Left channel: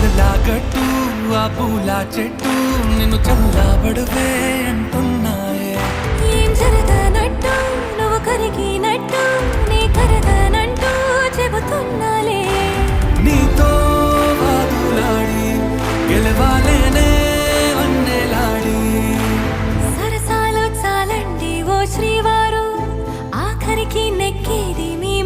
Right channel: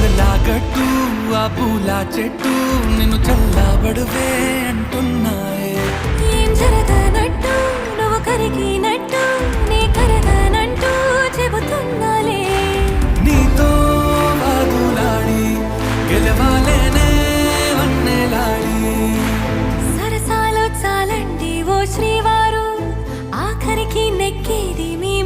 కలలాగట్టు ఆ పూల చెట్టు నిన్ను చల్లబడువే అంటున్నాయే. ఏం జరగనట్టు నువ్వు కరిగినట్టు నీ కరగనంటూ చెబుతున్నాలే. నీతో వాదులాడి గెలవాలేనే వన్నెలాడి. సరసాలు చాలండి ఓ శ్రీవారు, ఆఖరికి నెక్కేది మీ